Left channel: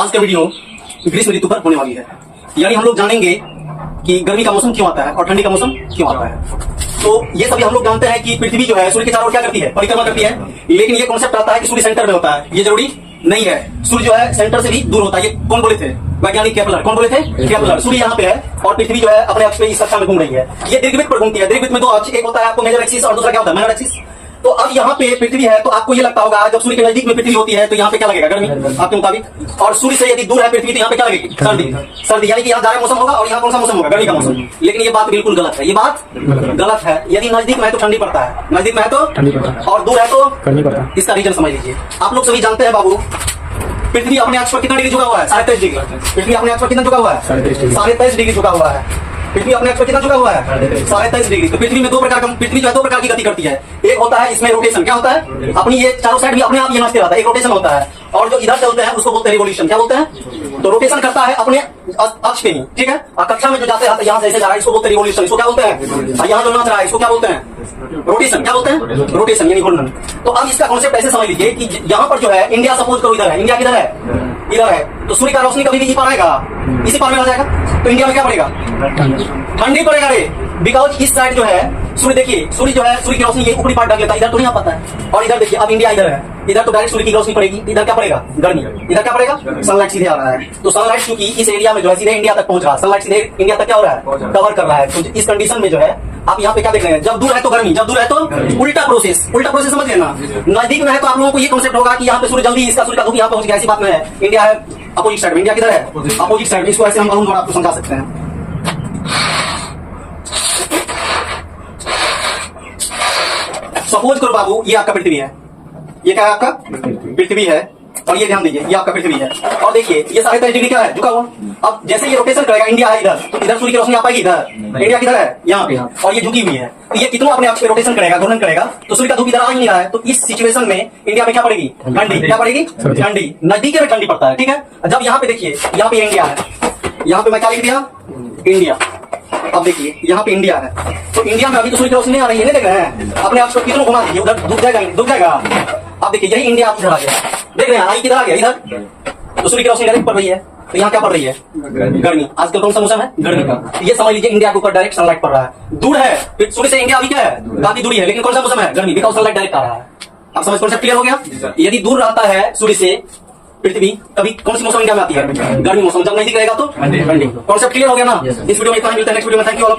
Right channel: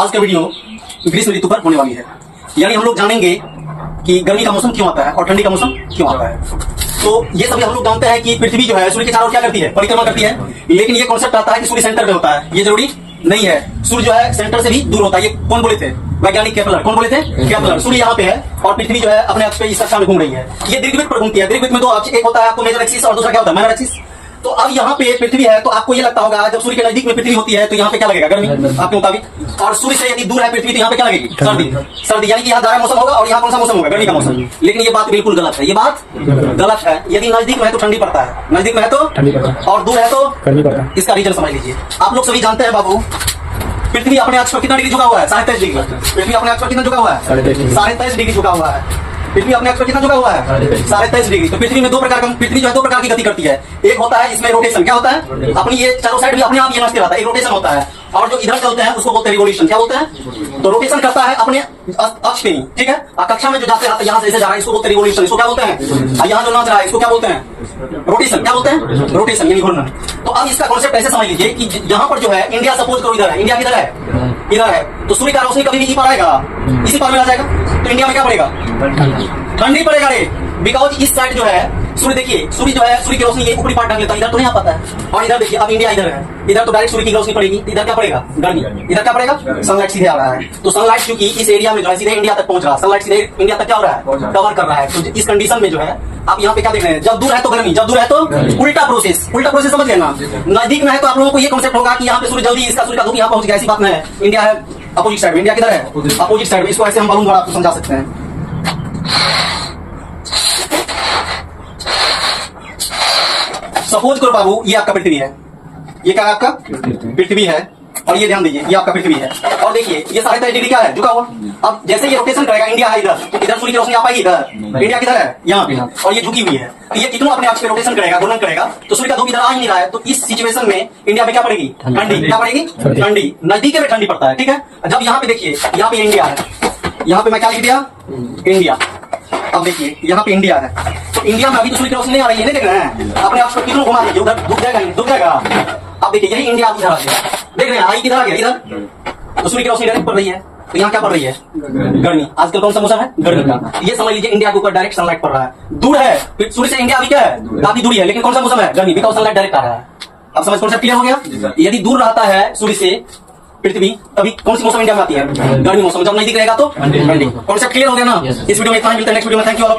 आज का वीडियो ग्रीष्म ऋतु पर होने वाली है। यानी हम लोग जानेंगे कि गर्मी का मौसम क्यों आता है और ठंडी का मौसम क्यों आता है। तो ये सभी हम लोग जानते हैं कि पृथ्वी जो है सूर्य के चारों ओर क्या करती है, परिक्रमा करती है। लेकिन ये कॉन्सेप्ट आता है कि सूर्य सेंटर में होता है, ये जरूरी नहीं है। सूर्य जो है सेंटर से भी दूर होता है। ये कौन बोले थे? वैज्ञानिक केपलर। कौन बोले थे? केपलर। सूर्य यहाँ पे है और पृथ्वी जो है अपने अक्ष पे इस कक्षा में घूम रही है। ये दीर्घवृत्त पर घूमती है। दीर्घवृत्त में दो अक्ष, एक होता है आपको मेजर एक्सिस और दूसरा क्या होता है? Minor axis. तो अब यहाँ पे पृथ्वी है तो आपको ये लगता होगा जब सूर्य के नजदीक में पृथ्वी होती है तो यहाँ पे क्या लगेगा? गर्मी आपके मुताबिक। और सूर्य से यदि दूर है पृथ्वी तो यहाँ पे क्या लगेगी? सर्दी। सर्दी यानी कि यहाँ जाड़ा मौसम होगा और यहाँ कौन सा मौसम होगा? गर्मी का मौसम। लेकिन ये बात बिल्कुल गलत है। ये बात गलत है। यदि नजदीक में है तो ठंडी पड़ता है, नजदीक में है तो ठंडी पड़ता है और दूर है तो गर्मी पड़ता है। इसका रीजन समझ लीजिए। आप लोग सभी जानते हैं बाबू, पृथ्वी अपने अक्ष पर कितना डिग्री झुका हुआ है? 23.5 डिग्री। पृथ्वी अपने अक्ष पर कितना झुका हुआ है? 23.5 डिग्री झुका हुआ है। पृथ्वी अपने अक्ष पर कितना झुका हुआ है? 23.5 डिग्री। तो पृथ्वी में पृथ्वी जो है दो प्रकार की गति करती है। एक होता है इसमें रोटेशन। क्या होता है? अपनी ये चारों साइड भी अपने आप ये नाचते रहता है। एक रोटेशन होता है और जो इधर चलते हैं उसको बोलते हैं रिवोल्यूशन। क्या बोलते हैं? तो रोटेशन करता है अपने अक्ष पे ही, ठीक है। और कक्षा में जो जाते रहते हैं यहाँ से ऐसे जा रहा है, इसको बोलते हैं रिवोल्यूशन। इसको क्या बोलते हैं? और यहाँ जो नाच रहा है इसको क्या बोलते हैं? रोटेशन। क्या बोलते हैं? रोटेशन यानी घूर्णन। तो अब इसका कॉन्सेप्ट ऐसे समझ लीजिए कि यहाँ पर जो है इंडिया, सपोज करो इधर है, इंडिया किधर है? इधर है। तो सूर्य का रोशनी कभी भी इसी पर आएगा, इसी पर में आ जाएगा। तो इंडिया में क्या पड़ेगा? ठंडी पड़ेगा रे। बिकॉज इस साइड जो है सूर्य, देखिए सूर्य जो है सूर्य की रोशनी ये ऊपरी पार्ट ढक लेता है, इधर तो नहीं आ पाता है। और इधर देखिए अब इंडिया इधर है, इधर तो डायरेक्ट सूर्य की रोशनी पड़ेगी, इधर क्या पड़ेगा? गर्मी। इधर क्या पड़ेगा? सनलाइट सीधे आ रहा है। तो सनलाइट क्योंकि इस एरिया में जो है सीधे इंडिया तक पहुंच रहा है, सनलाइट सीधे इंडिया तक क्या हो रहा है? कवर कर रहा है। तो इस कंडीशन में जो है आप यहाँ पे क्या देख रहे हैं? जब दूर है तो गर्मी, जब दूर है तो उल्टा प्रोसेस। उल्टा प्रोसेस समझ लेना। नजदीक में है तो आप लोगों को ये कॉन्सेप्ट होगा कि यहाँ पे सूर्य जल्दी, इसका सूर्य का धूप यहाँ पहुंच गया। ऐसी बात नहीं है। इंडिया है अपोजिट साइड में। इंडिया किधर है? अपोजिट साइड में। इसको ऐसे हम बलून द्वारा आपको समझा सकते हैं। सपोज करो बाबू ये आपका पृथ्वी है, ये क्या है? आपका पृथ्वी है। और ये ध्यान दीजिए ये आपका पृथ्वी है। और देखिए ये 23.5 डिग्री क्या है? झुका हुआ। अब जैसे ये रोटेशन करेगा, इंडिया है इधर, तो इधर सूर्य की रोशनी आ पाएगी इधर। इंडिया किधर है? यहाँ पे। और ये झुकी हुई है। तो ये कितना अपने अक्ष पे रोटेशन करेगा, घूर्णन करेगा, तो सूर्य का धूप इधर आ ही नहीं रहा है। तो इस सिचुएशन में इंडिया में क्या पड़ेगी? ठंडी। क्या पड़ेगी? ठंडी। नजदीक में ठंडी पड़ता है, ठीक है। जब यहाँ पे देखिए, यहाँ पे इंडिया है, यहाँ पे मैं क्या लिख दिया? इंडिया। अब देखिए यहाँ पे इंडिया है, तो इंडिया में अभी तो सूर्य की रोशनी नहीं आ रही है, नहीं देख रहे हैं? अपने आप को कितना घुमा दीजिए, उधर डूब जाएगा, डूब जाएगा। अब देखिए यही इंडिया इधर आ गया, देख रहे हैं? आई किधर आ गया? इधर। तो सूर्य की रोशनी डायरेक्ट पड़ रही है, तो यहाँ क्या पड़ रही है? गर्मी। आजकल कौन सा मौसम है? गर्मी का। ये समझ लीजिए इंडिया के ऊपर डायरेक्ट सनलाइट पड़ रहा है। दूर है सूर्य से इंडिया, अभी क्या है? काफी दूरी है, लेकिन कौन सा मौसम है? गर्मी। बिकॉज सनलाइट डायरेक्ट आ रहा है। अब समझ कॉन्सेप्ट क्लियर हो गया? यदि दूर रहता है सूर्य से पृथ्वी, तभी कौन सी मौसम इंडिया में आती है? गर्मी मौसम। जब नजदीक रहेगा तो ठंडी। कॉन्सेप्ट क्लियर हो गया ना? इस वीडियो में इतना ही। मिलता है नेक्स्ट वीडियो में। Thank you all of you.